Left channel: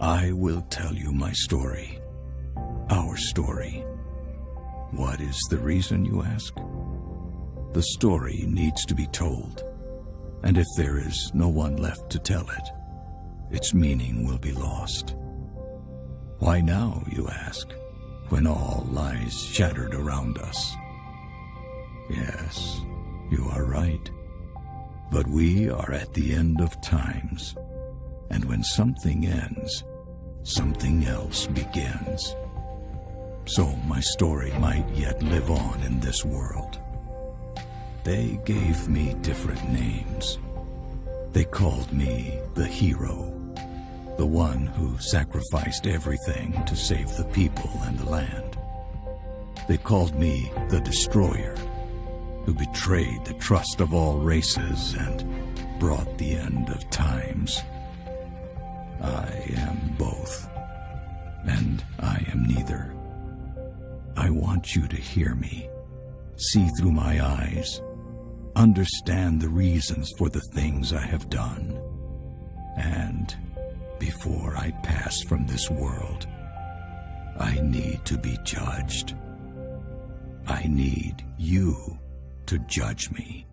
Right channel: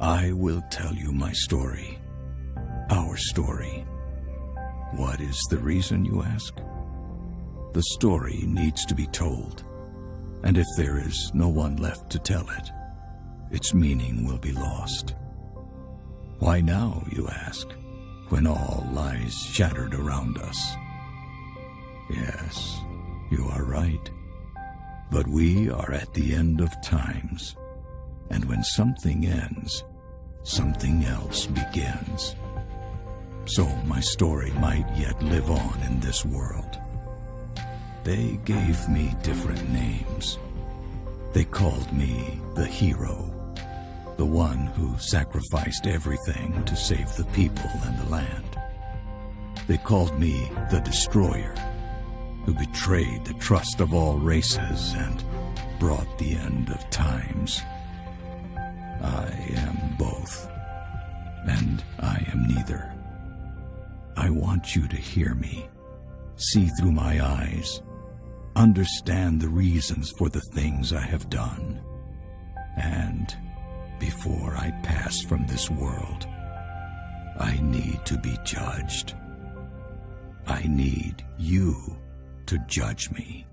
I will tell you my story. Our story. What is the reason, you ask? The story needs to be told, and if there is no one left to tell it, its meaning will be lost. Why now, you ask, when all lies shattered around us? Yes, you are right. But we are at the end of times, and when something ends, something else begins. So my story might yet live on in this world. They gave me different names. They called me the hero, the one who sacrificed everything to save the people and the land. They called me the destroyer, who betrayed the trust of all races and brought the end of times. I am both, and I am neither. I want you to hear me, see through my eyes, understand the reasons for the things I have done. And before I pass from this world, I need to be judged. I need you to judge me.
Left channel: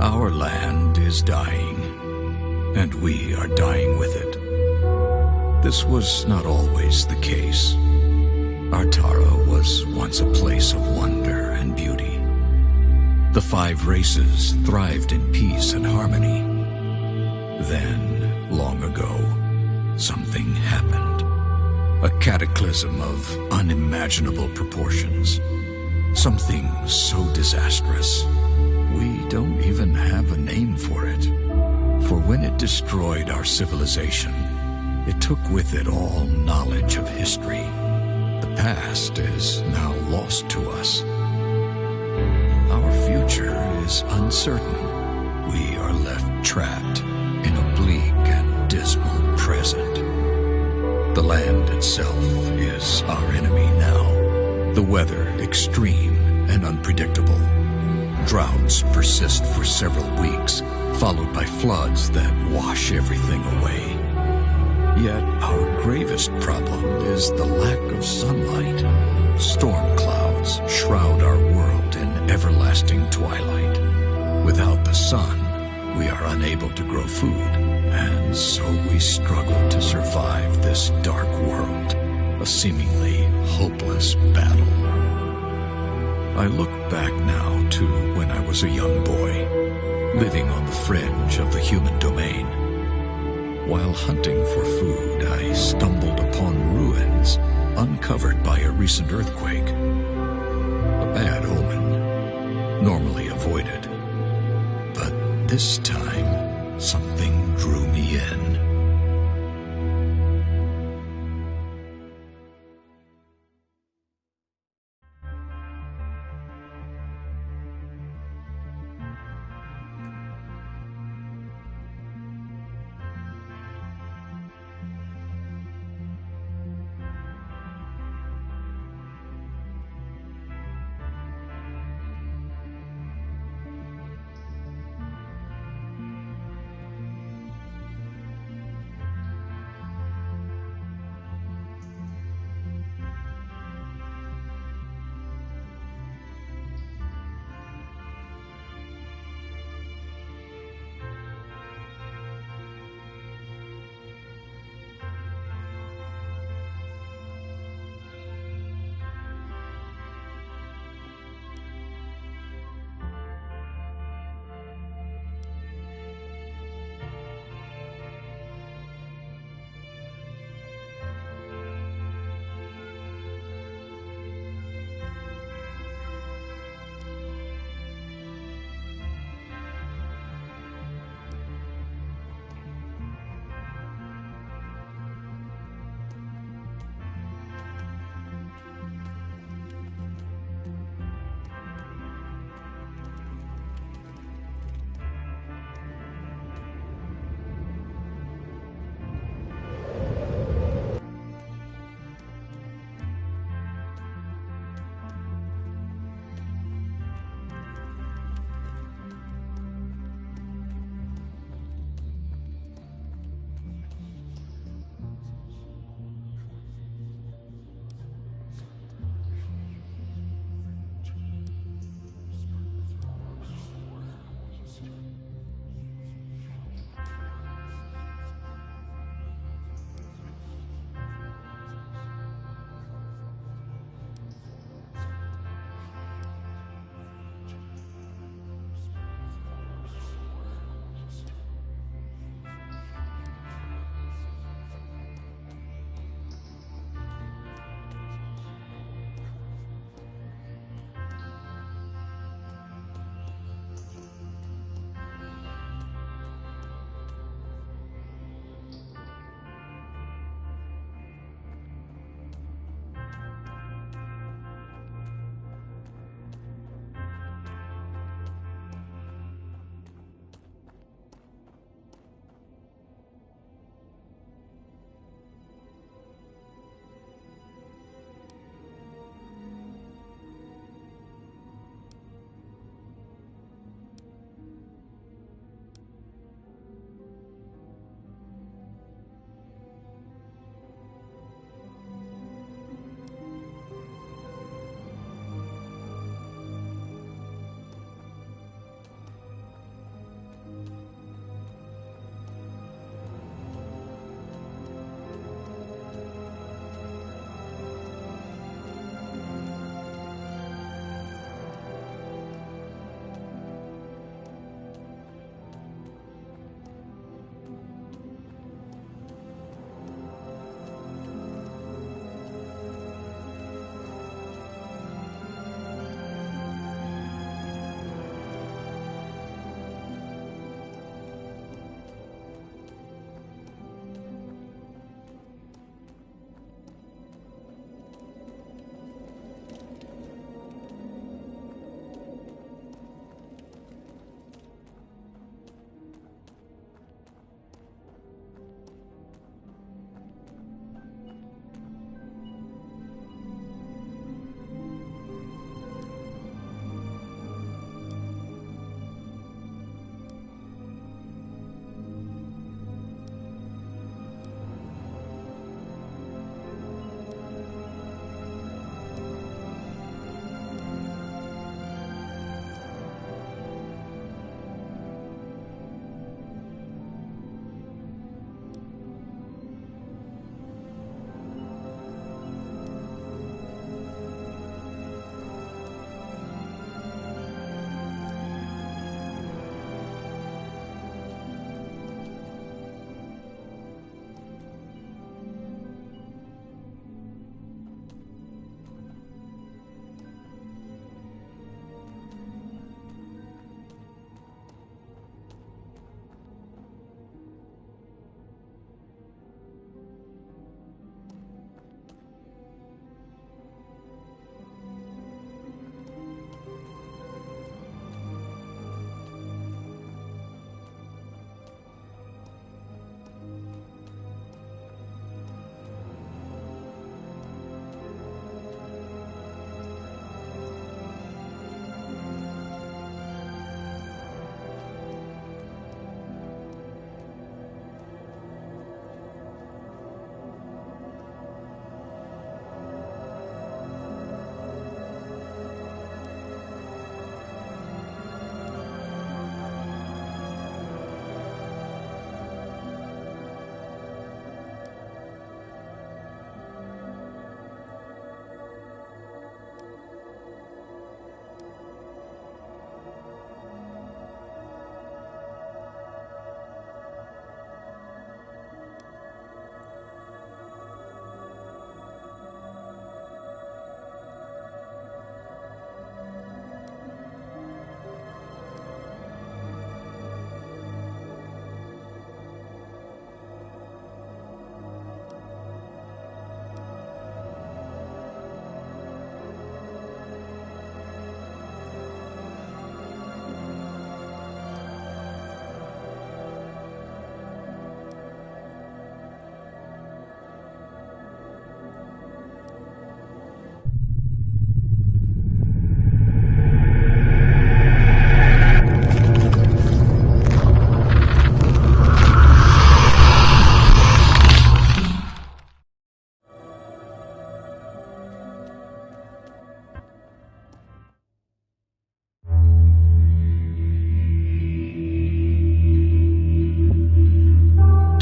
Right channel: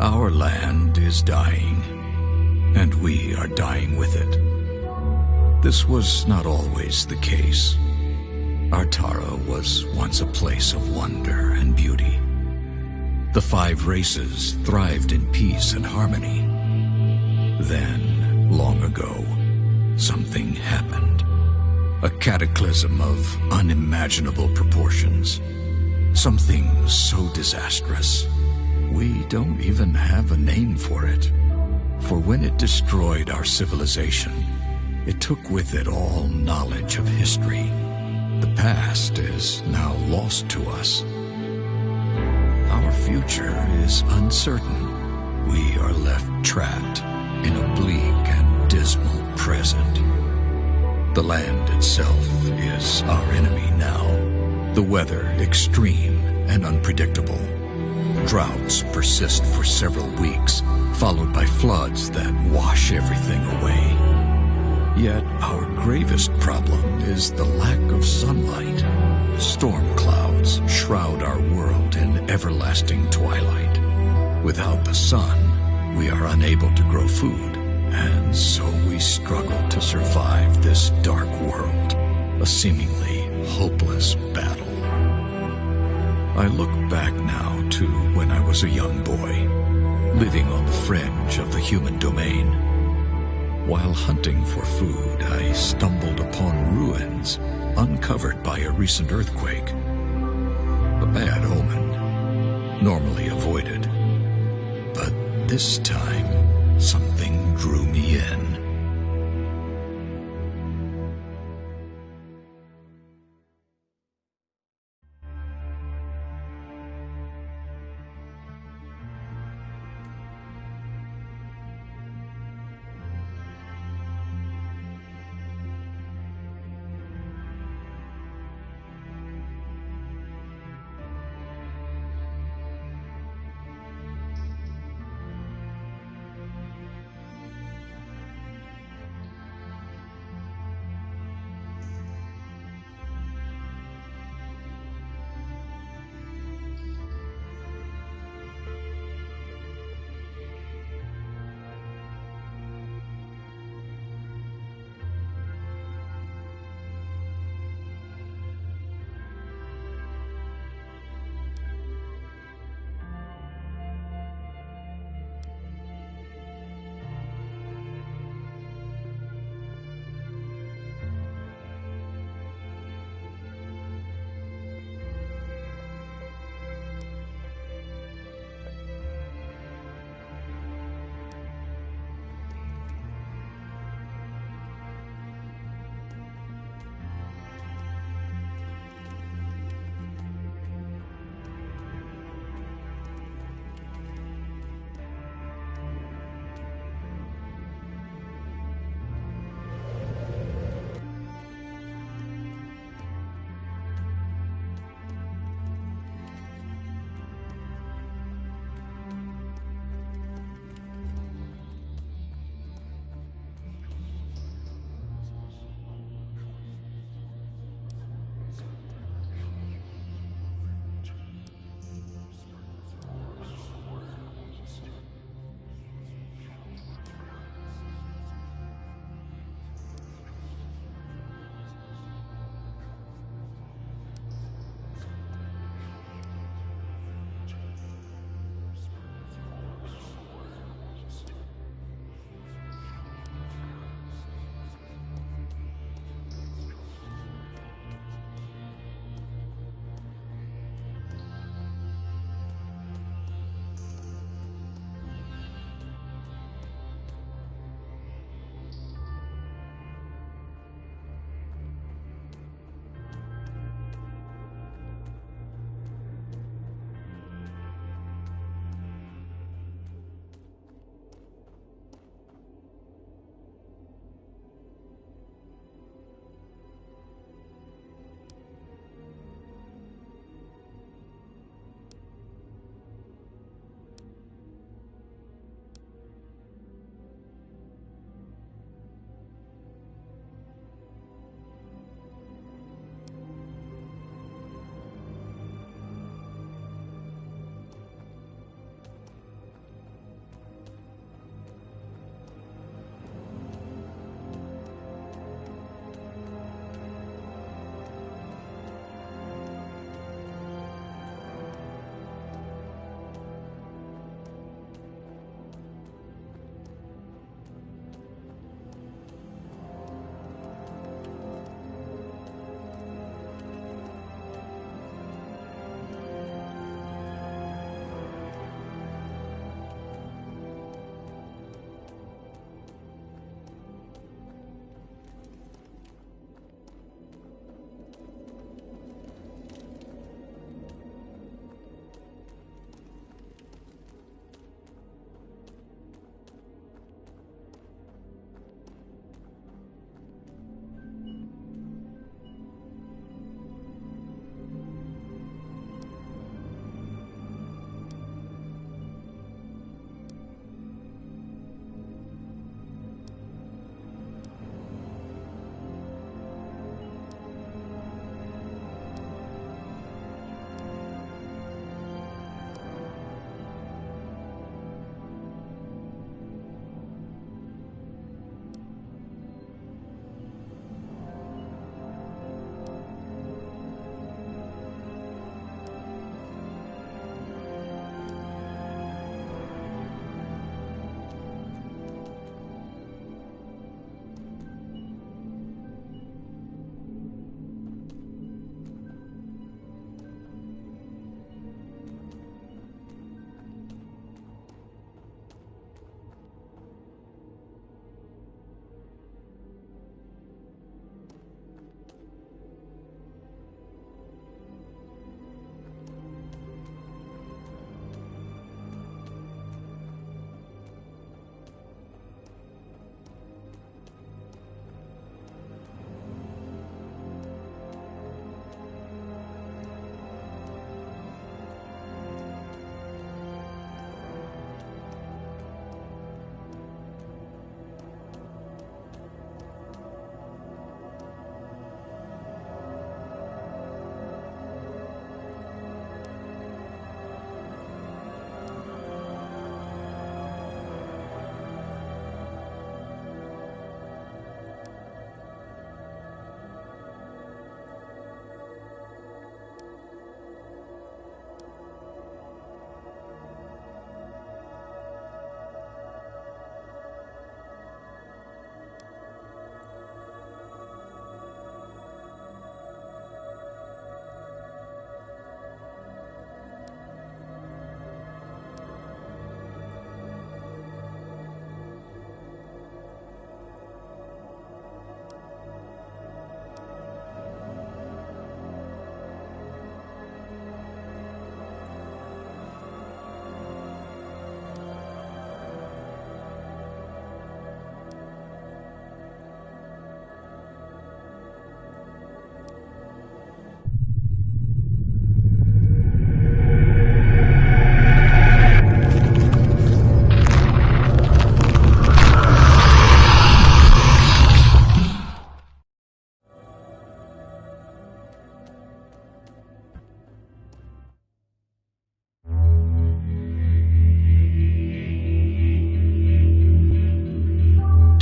Our land is dying, and we are dying with it. This was not always the case. Artara was once a place of wonder and beauty. The 5 races thrived in peace and harmony. Then, long ago, something happened. A cataclysm of unimaginable proportions. Something so disastrous, we don't even have a name for it. For when it destroyed our civilization, it took with it all knowledge of history. The past is now lost to us. Our future is uncertain. We are left trapped in a bleak and dismal present. The land itself is our enemy now. The weather extreme and unpredictable. Droughts persist for several weeks, followed by floods that wash everything away. Yet our gravest problem is the lack of sunlight. Storm clouds shroud our world in everlasting twilight. Without the sun, we are unable to grow food, and so we struggle to survive this dark world, a seemingly hopeless battle. I look back now to when I was a young boy, living on the fringe of the human domain. While hunting for food, I stumbled upon ruins uncovered by a recent earthquake. A bad omen, normally avoided. But this time, something drew me in.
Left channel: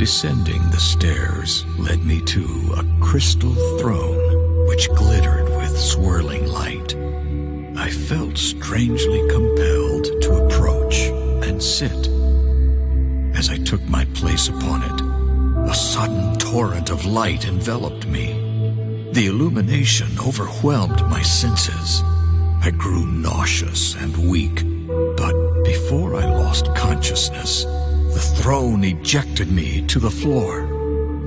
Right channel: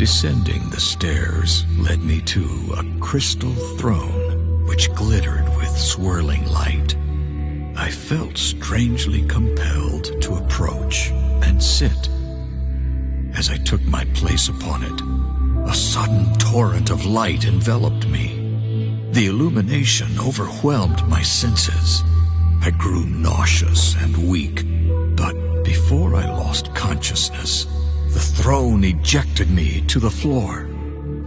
Descending the stairs led me to a crystal throne which glittered with swirling light. I felt strangely compelled to approach and sit. As I took my place upon it, a sudden torrent of light enveloped me. The illumination overwhelmed my senses. I grew nauseous and weak, but before I lost consciousness, the throne ejected me to the floor.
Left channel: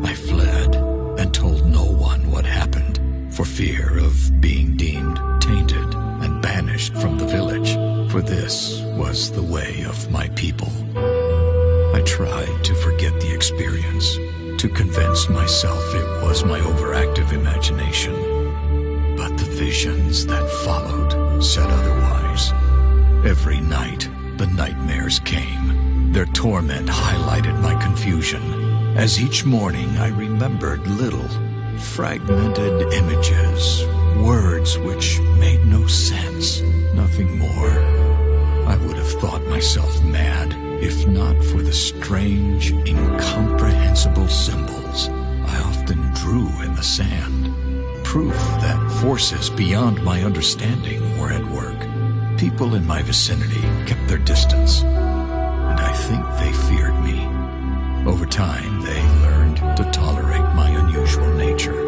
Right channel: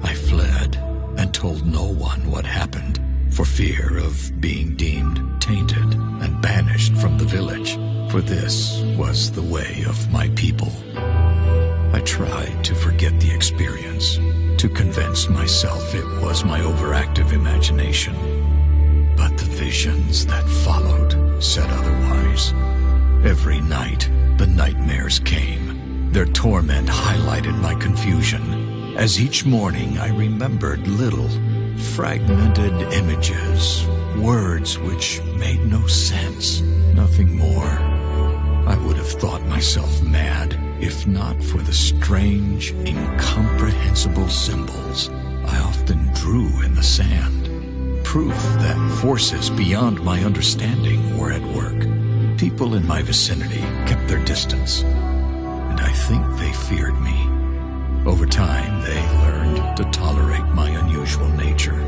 I fled and told no one what happened, for fear of being deemed tainted and banished from the village, for this was the way of my people. I tried to forget the experience, to convince myself it was my overactive imagination. But the visions that followed said otherwise. Every night, the nightmares came. Their torment highlighted my confusion, as each morning I remembered little, fragmented images, words which made no sense, nothing more. I would have thought myself mad, if not for the strange, incomprehensible symbols I often drew in the sand. Proof that forces beyond my understanding were at work. People in my vicinity kept their distance, and I think they feared me. Over time, they learned to tolerate my unusual nature,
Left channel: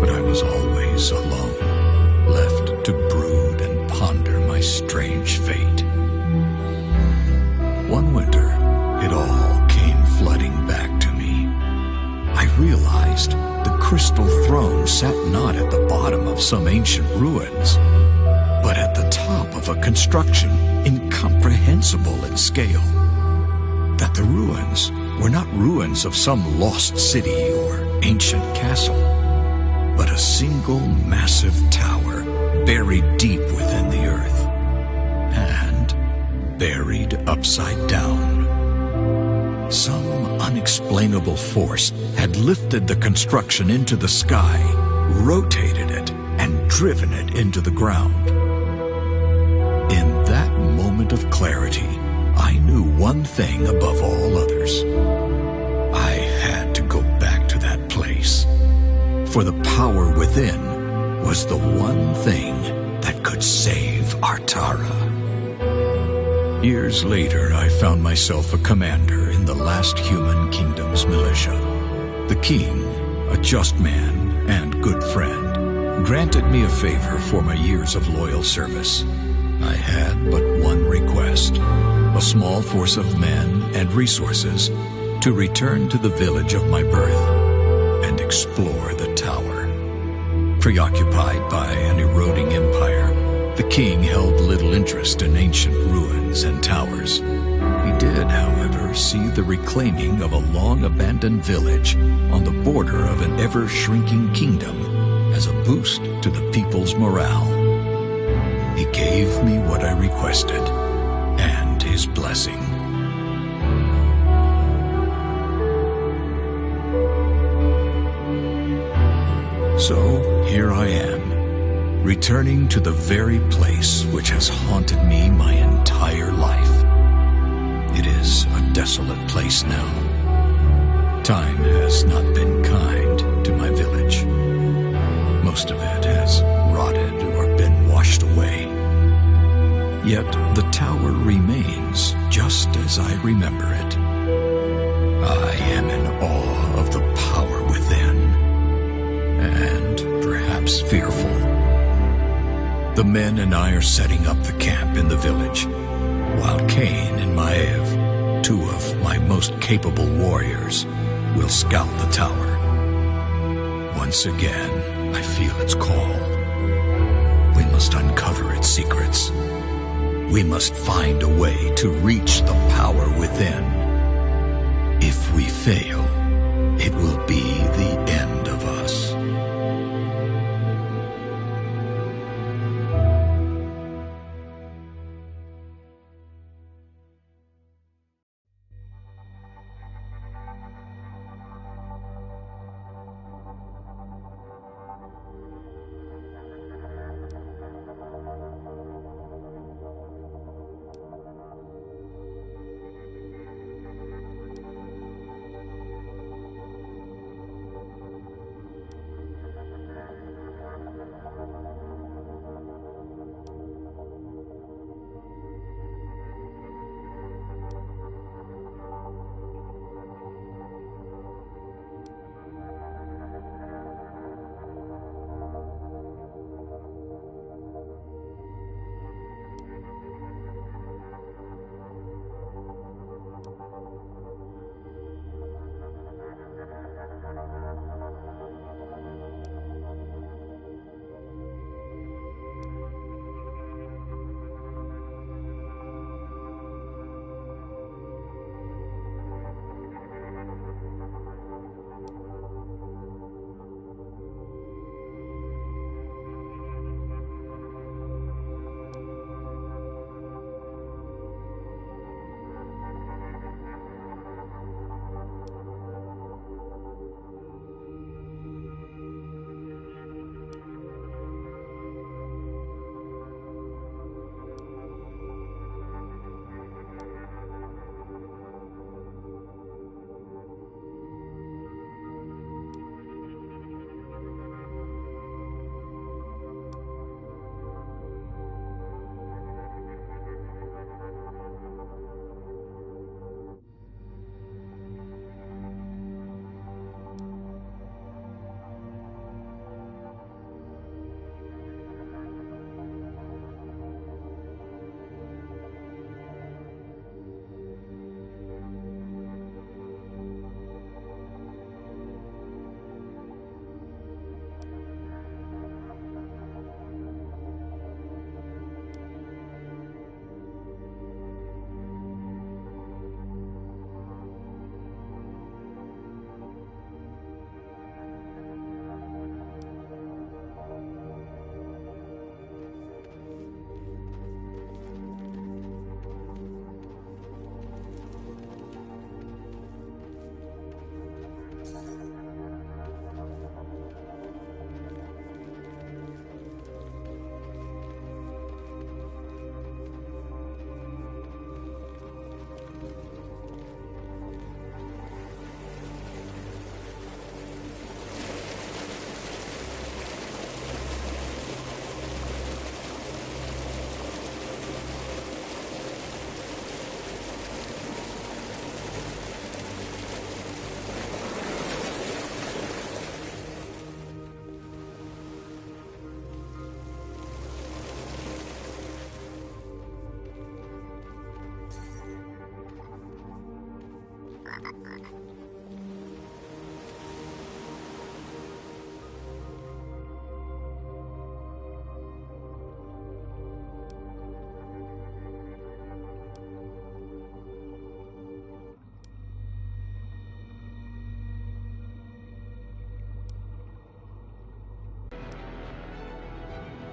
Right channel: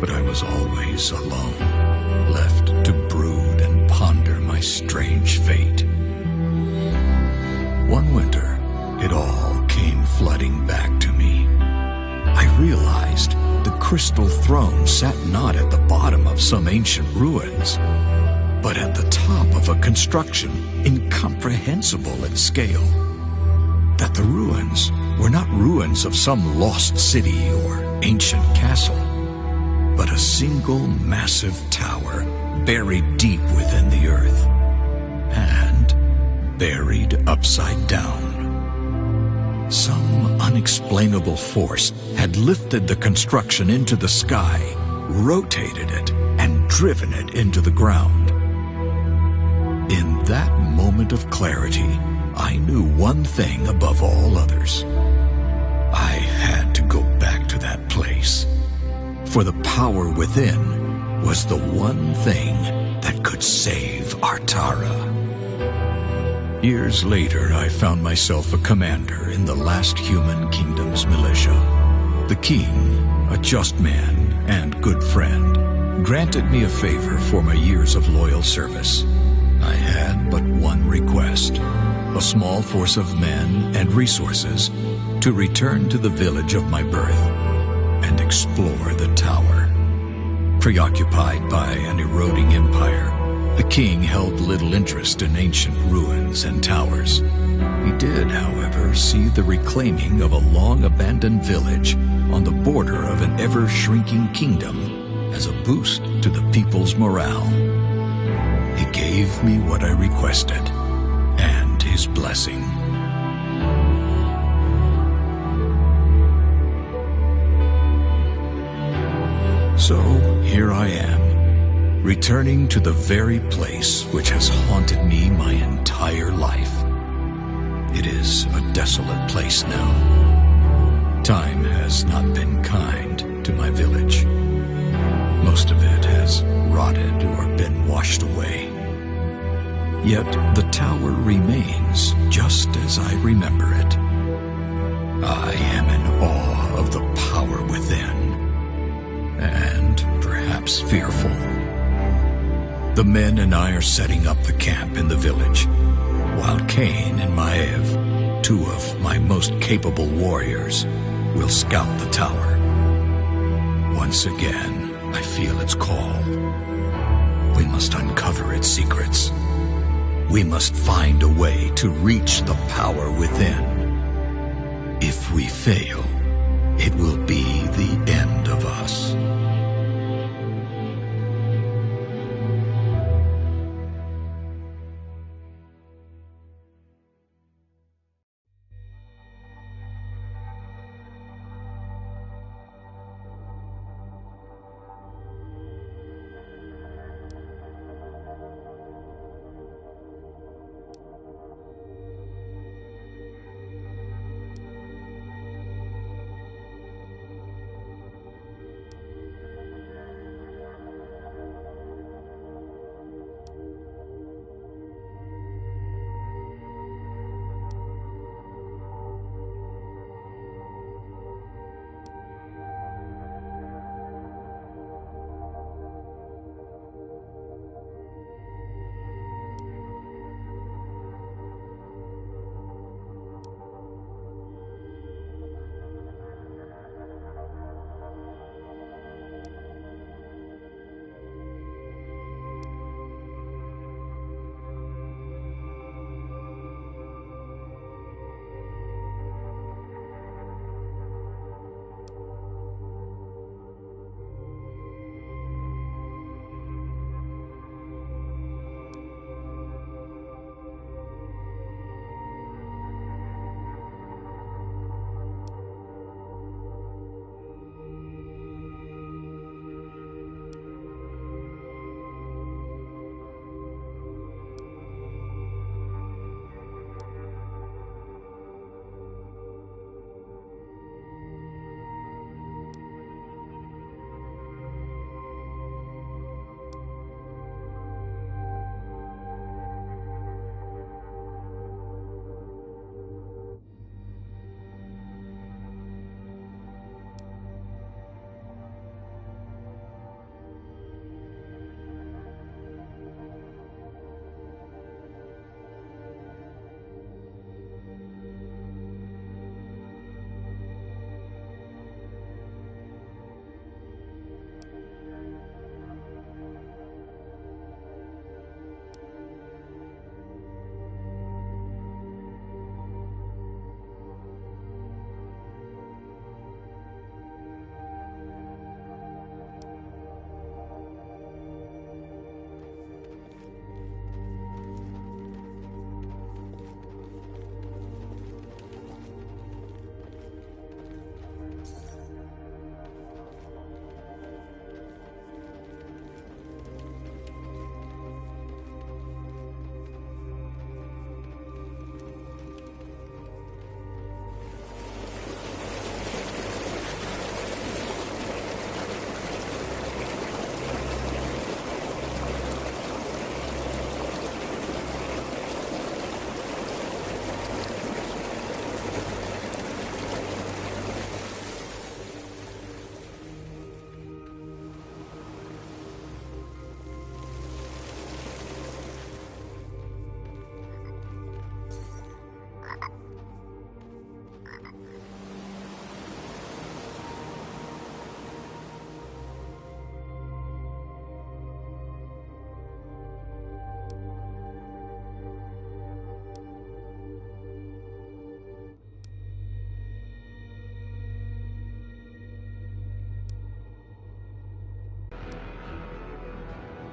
but I was always alone, left to brood and ponder my strange fate. One winter, it all came flooding back to me. I realized the crystal throne sat not at the bottom of some ancient ruins, but at the top of a construction incomprehensible in scale. That the ruins were not ruins of some lost city or ancient castle, but a single massive tower buried deep within the earth, and buried upside down. Some unexplainable force had lifted the construction into the sky, rotated it, and driven it into the ground. In that moment of clarity, I knew one thing above all others. I had to go back to that place, for the power within was the one thing that could save Artara. Years later, I found myself a commander in the last human kingdom's militia. The king, a just man and good friend, granted me a favor for my years of loyal service. I had but one request: a small force of men and resources to return to the village of my birth and explore the tower. Preoccupied by an eroding empire, the king held little interest in ancient ruins and towers. He did, however, see the reclaiming of a long-abandoned village on the border of an ever-shrinking kingdom as a boost to the people's morale. He gave me what I requested, and his blessing. So here I am, returning to the very place which has haunted me my entire life. It is a desolate place now. Time has not been kind to my village. Most of it has rotted or been washed away. Yet the tower remains just as I remember it. I am in awe of the power within, and perhaps fearful. The men and I are setting up the camp in the village, while Cain and Maev, two of my most capable warriors, will scout the tower. Once again, I feel its call. We must uncover its secrets. We must find a way to reach the power within. If we fail, it will be the end